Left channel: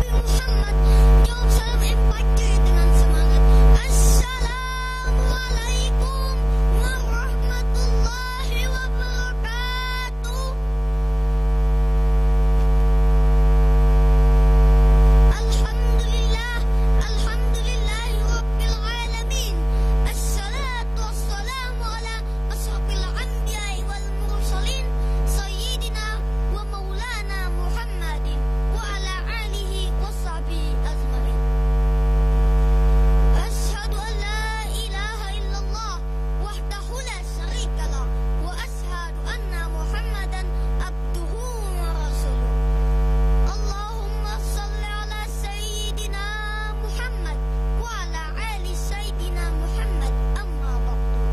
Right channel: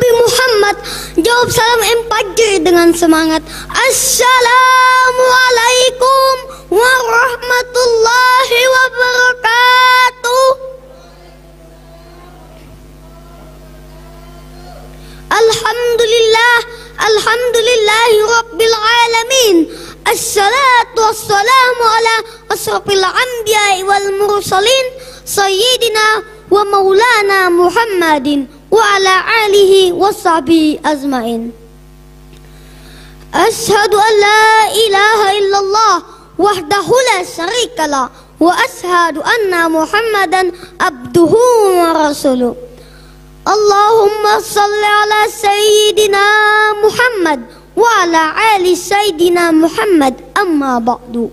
Nabi Muhammad jawab salam Empajri dengan semangat. Assalamualaikum warahmatullahi wabarakatuh. Alhamdulillahi rabbil alamin. Assalatu wassalamu ala asrafil anbiya'i wal mursalin sayyidina wa maulana Muhammadin wa ala alihi wa sahbihi azmain. Ashhadu an la ilaha illallah wahdahu la syarikalah wa ashhadu anna Muhammadan abduhu wa rasuluh. Allahumma salli ala sayyidina Muhammad wa ala ali sayyidina Muhammad, amma ba'du.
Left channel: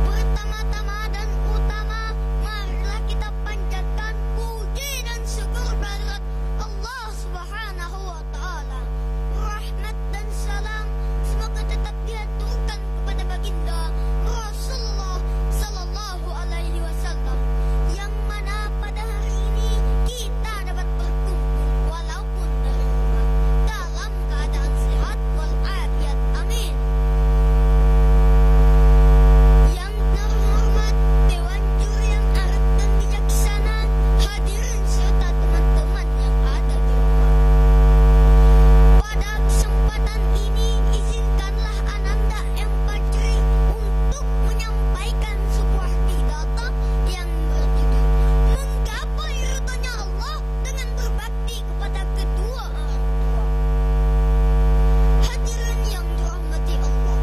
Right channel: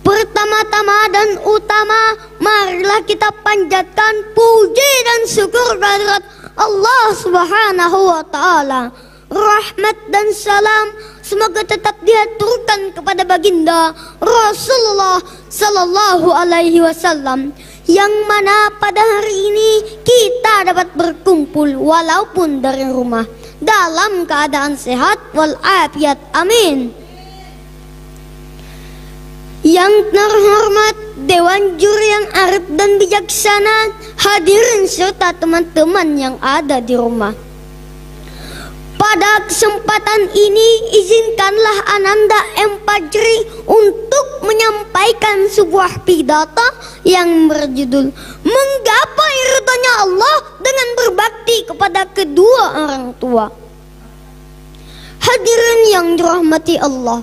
Pertama-tama dan utama, marilah kita panjatkan puji dan syukur kehadirat Allah Subhanahu wa taala. Rahmat dan salam semoga tetap diaturkan kepada baginda Rasulullah sallallahu alaihi wasallam, yang mana pada hari ini kita dapat berkumpul walaupun dari rumah dalam keadaan sehat walafiat, amin. Yang terhormat Dewan Juri yang arif dan bijaksana, hadirin serta teman-teman yang ada di rumah. Pada kesempatan ini izinkanlah Ananda Empajri untuk menyampaikan sebuah pidato yang berjudul Menggapai ridhonya Allah dengan berbakti kepada kedua orang tua. Hadirin yang dirahmati Allah,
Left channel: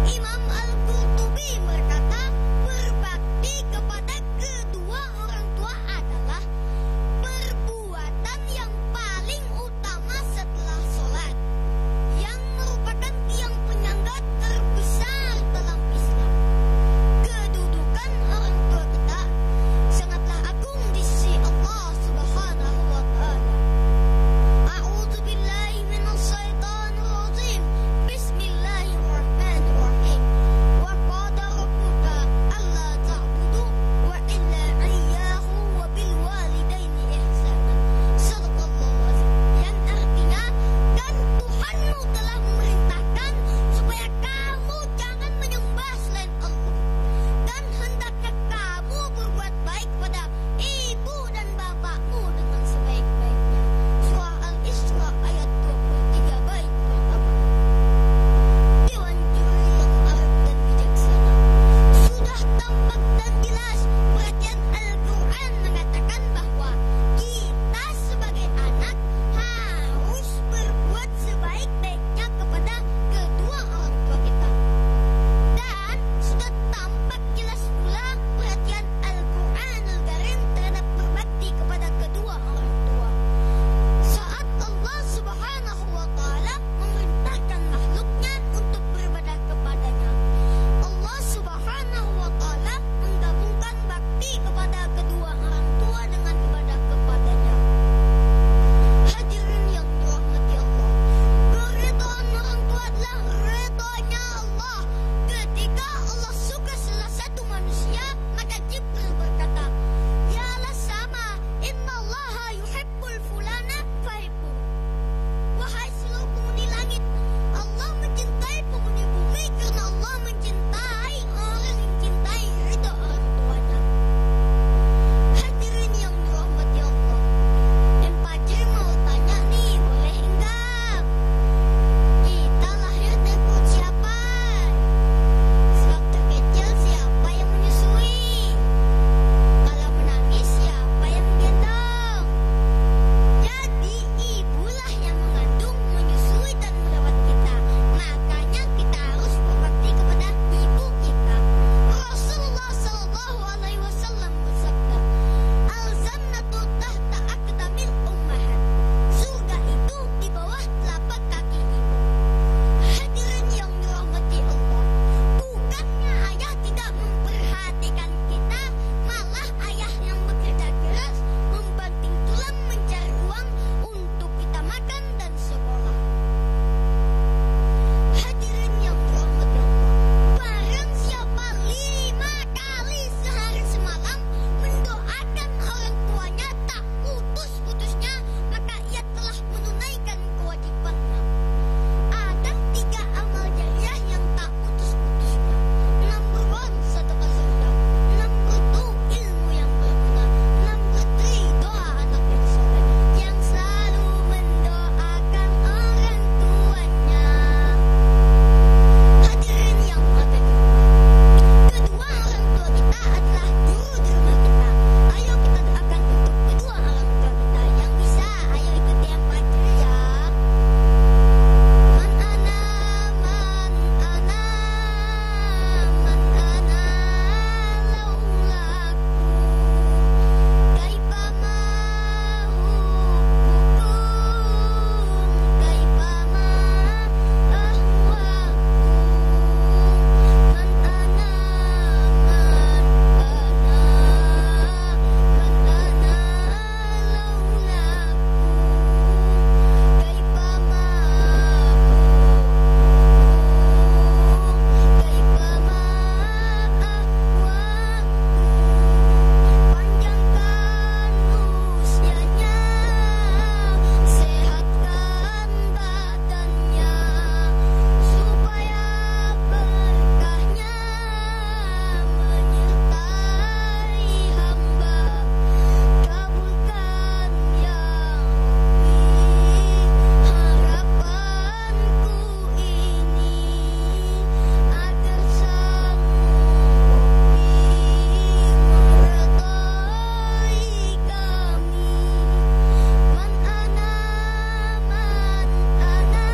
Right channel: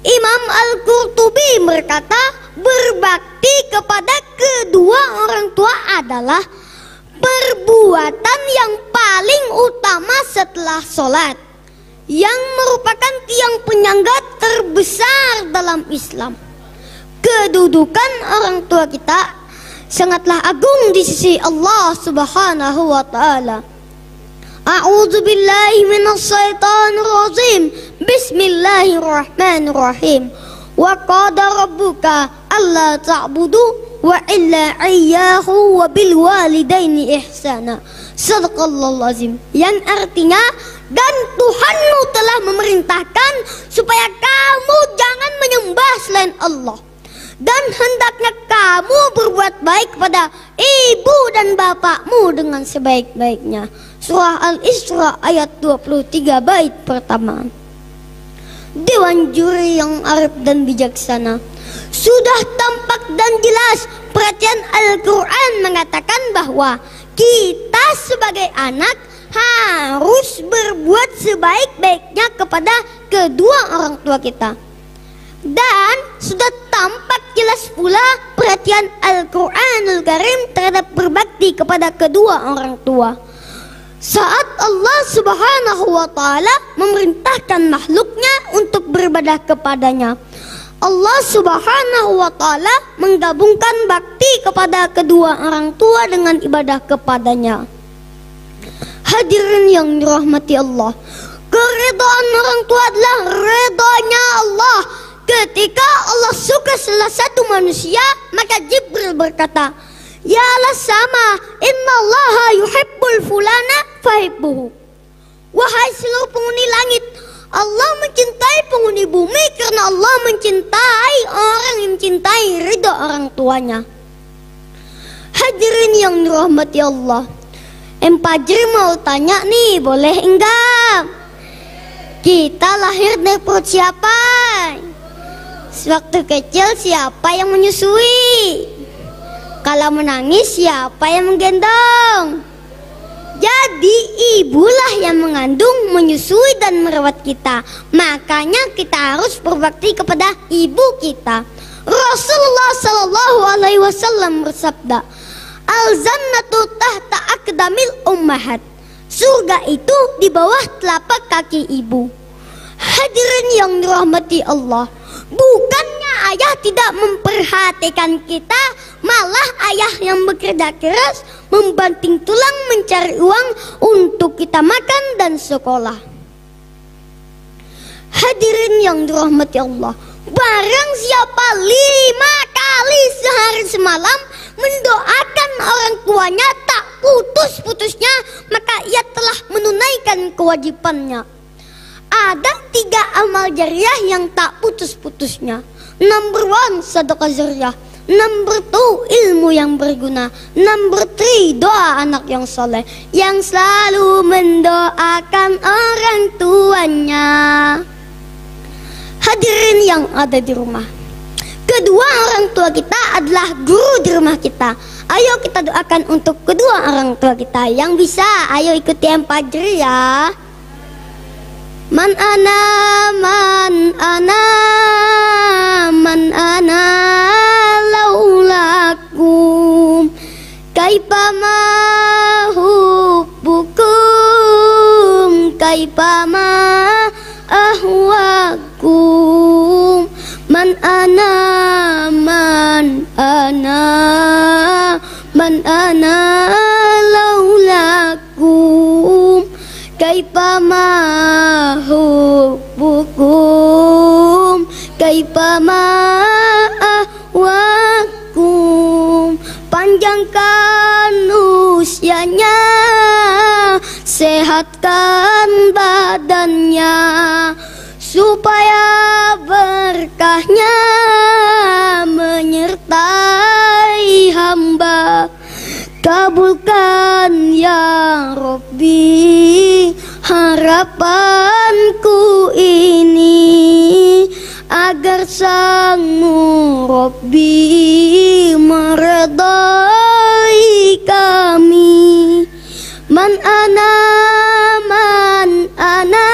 Imam Al-Qurtubi berkata, berbakti kepada kedua orang tua adalah perbuatan yang paling utama setelah sholat, yang merupakan tiang penyangga terbesar dalam Islam. Kedudukan orang tua kita sangatlah agung di sisi Allah Subhanahu wa taala. A'udzu billahi minasyaitonir rajim. Bismillahirrahmanirrahim. Wa qada rabbuka alla ta'budu wa illa iyyahu wa bil walidaini ihsana. Shadaqallahul azim. Yang artinya, dan Tuhanmu telah memerintahkan supaya kamu jangan menyembah selain Allah, dan hendaknya kamu berbuat baik kepada ibu dan bapakmu dengan sebaik-baiknya. Surah Al-Isra ayat 23 bait pertama. Dewan Juri yang arif dan bijaksana, sudah tampak dan jelas perhatian Al-Quran mengatakan bahwa kita sebagai anak harus berbuat sebaik-baiknya kepada kedua orang tua kita. Dan sudah tampak jelas pula perhatian Al-Quranul Karim terhadap berbakti kepada kedua orang tua, saat Allah Subhanahu wa taala memerintahkan makhluknya untuk beribadah kepadanya. Allah Subhanahu wa taala menggabungkan bakti kepada kedua orang tua dengan ibadah kepadanya. Hadirin yang dirahmati Allah, keridhaan orang tua adalah ridhonya Allah. Ketika Allah suka salah satu manusia, maka Jibril berkata, ya Allah sama, innallaha yuhibbul fulana fahibbuhu. Wahai seluruh penghuni langit, Allah mencintai penghuni bumi karena Allah mencintai orang yang mencintai ridha orang tuanya. Hadirin yang dirahmati Allah, Empajri mau tanya nih, boleh enggak? Kita lahir dari perut siapa? Sewaktu kecil siapa yang menyusui? Kalau menangis siapa yang menggendong? Jadi ibulah yang mengandung, menyusui dan merawat kita. Makanya kita harus berbakti kepada ibu kita. Rasulullah sallallahu alaihi wasallam bersabda, al-jannatu tahta aqdamil ummahat. Surga itu di bawah telapak kaki ibu. Hadirin yang dirahmati Allah, bukannya ayah tidak memperhatikan kita, malah ayah yang bekerja keras membanting tulang mencari uang untuk kita makan dan sekolah. Hadirin yang dirahmati Allah, barang siapa 5 kali sehari semalam mendoakan orang tuanya tak putus-putusnya, maka ia telah menunaikan kewajibannya. Ada 3 amal jariah yang tak putus-putusnya. Number 1, sedekah jariah. Number 2, ilmu yang berguna. Number 3, doa anak yang soleh, yang selalu mendoakan orang tuanya. Hadirin yang ada di rumah, kedua orang tua kita adalah guru di rumah kita. Ayo kita doakan untuk kedua orang tua kita. Yang bisa, ayo ikuti 4 jariah. Man ana, man ana, man ana laulakum, kaifa ma hubbukum, kaifa ma ahwakum. Man ana, man ana, man ana laulakum, kaifa ma hubbukum, kaifa ma ahwakum. Panjangkan usianya, sehatkan badannya, supaya berkahnya menyertai hamba. Kabulkan ya Rabbi harapanku ini, agar Sang-Mu Rabbi meredai kami. Man ana, man ana,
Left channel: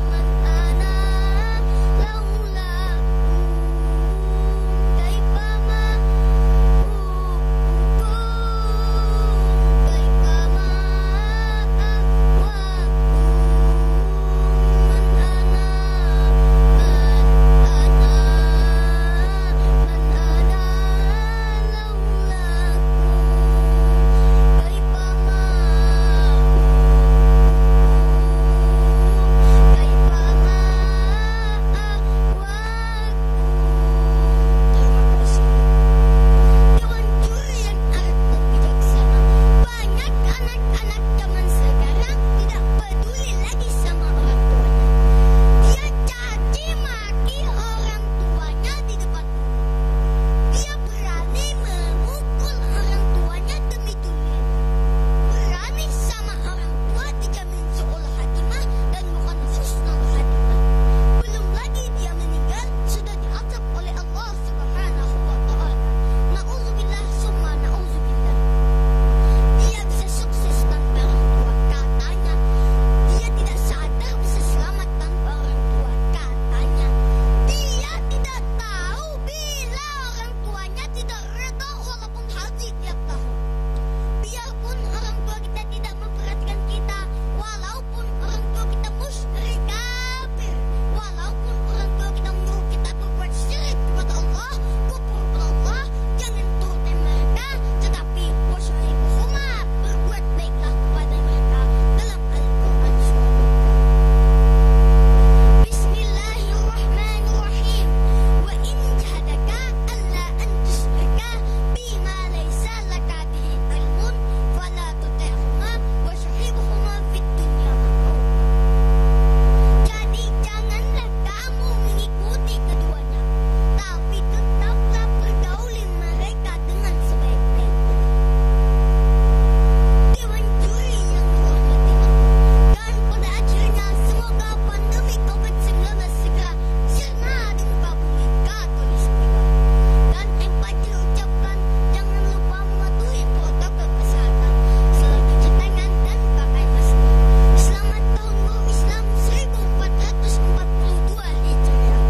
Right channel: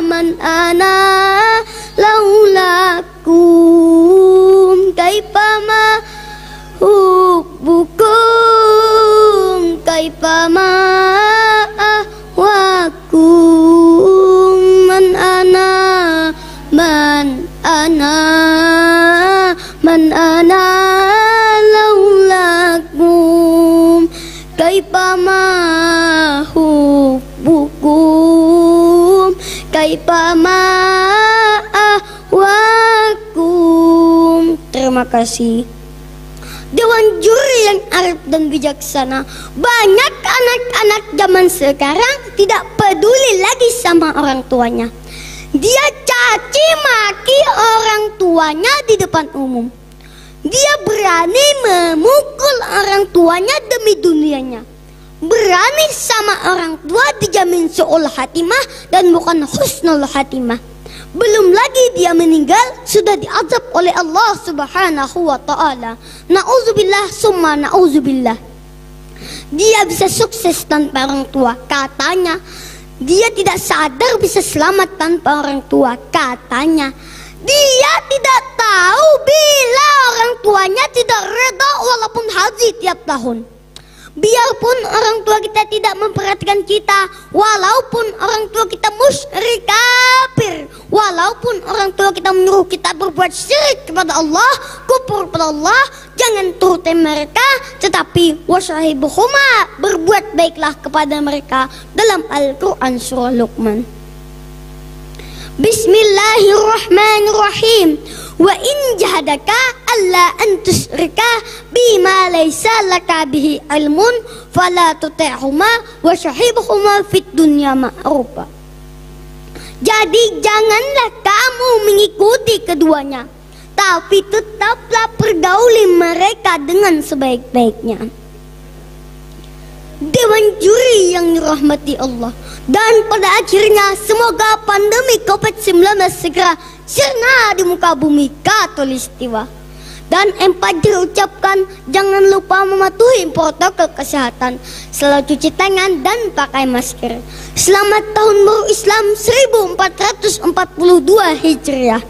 man ana laulakum, kaifa ma hubbukum, kaifa ma ahwakum. Man ana, man ana, man ana laulakum, kaifa ma hubbukum, kaifa ma ahwakum. Terima kasih. Dewan juri yang arif dan bijaksana. Banyak anak-anak zaman sekarang tidak peduli lagi sama orang tuanya. Dia caci maki orang tuanya di depan umum. Dia berani memukul orang tuanya demi dunianya. Berani sama orang tua dijamin su'ul hatimah dan bukan husnul hatimah. Belum lagi dia meninggal sudah diazab oleh Allah Subhanahu wa ta'ala. Na'udzubillah summa na'udzubillah. Dia bisa sukses tanpa orang tua, katanya. Dia tidak sadar bisa selamat tanpa orang tua, katanya. Dia tidak tahu bila orang tuanya tidak reda walaupun haji tiap tahun. Biarpun orang tua kita tidak memperhatikan kita, walaupun orang tua kita musyrik kafir, walaupun orang tua kita menyuruh kita berbuat syirik kepada Allah, kufur kepada Allah, jangan turuti mereka, tetapi wasahibuhuma, berbuat baiklah kepada mereka. Dalam Al-Quran surah Luqman. Bismillahirrahmanirrahim. Wa in jahadaka alla an tusyrika bima laysa laka bihi ilmun fala tuti'huma wa syahibuhuma fid dunya ma'rufa. Jadi janganlah kamu mengikuti keduanya, tapi tetaplah pergauli mereka dengan sebaik-baiknya. Dewan juri yang dirahmati Allah. Dan pada akhirnya semoga pandemi COVID-19 segera sirna di muka bumi Khatulistiwa. Dan 4 diucapkan, jangan lupa mematuhi protokol kesehatan, selalu cuci tangan dan pakai masker. Selamat tahun baru Islam 1442 Hijriah.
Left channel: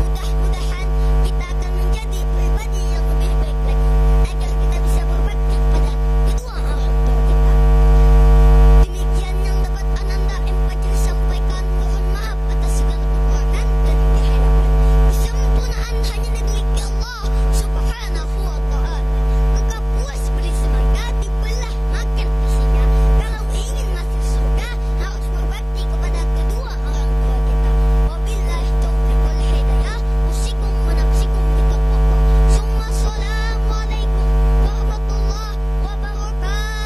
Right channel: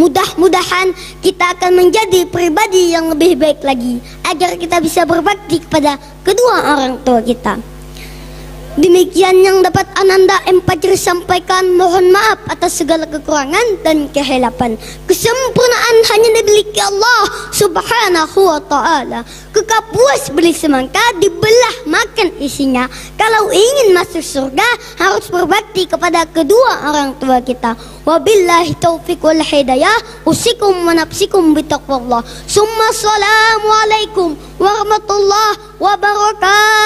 Mudah-mudahan kita akan menjadi pribadi yang lebih baik lagi, agar kita bisa berbakti kepada kedua orang tua kita. Demikian yang dapat Ananda M. sampaikan. Mohon maaf atas segala kekurangan dan kehilapan. Kesempurnaan hanya dimiliki Allah Subhanahu wa ta'ala. Kekal puas beli semangka, dibelah makan isinya. Kalau ingin masuk surga, harus berbakti kepada kedua orang tua kita. Wabillahi taufiq wal hidayah. Usikum wa nafsikum bitaqwallah. Summa assalamualaikum warahmatullahi wabarakatuh.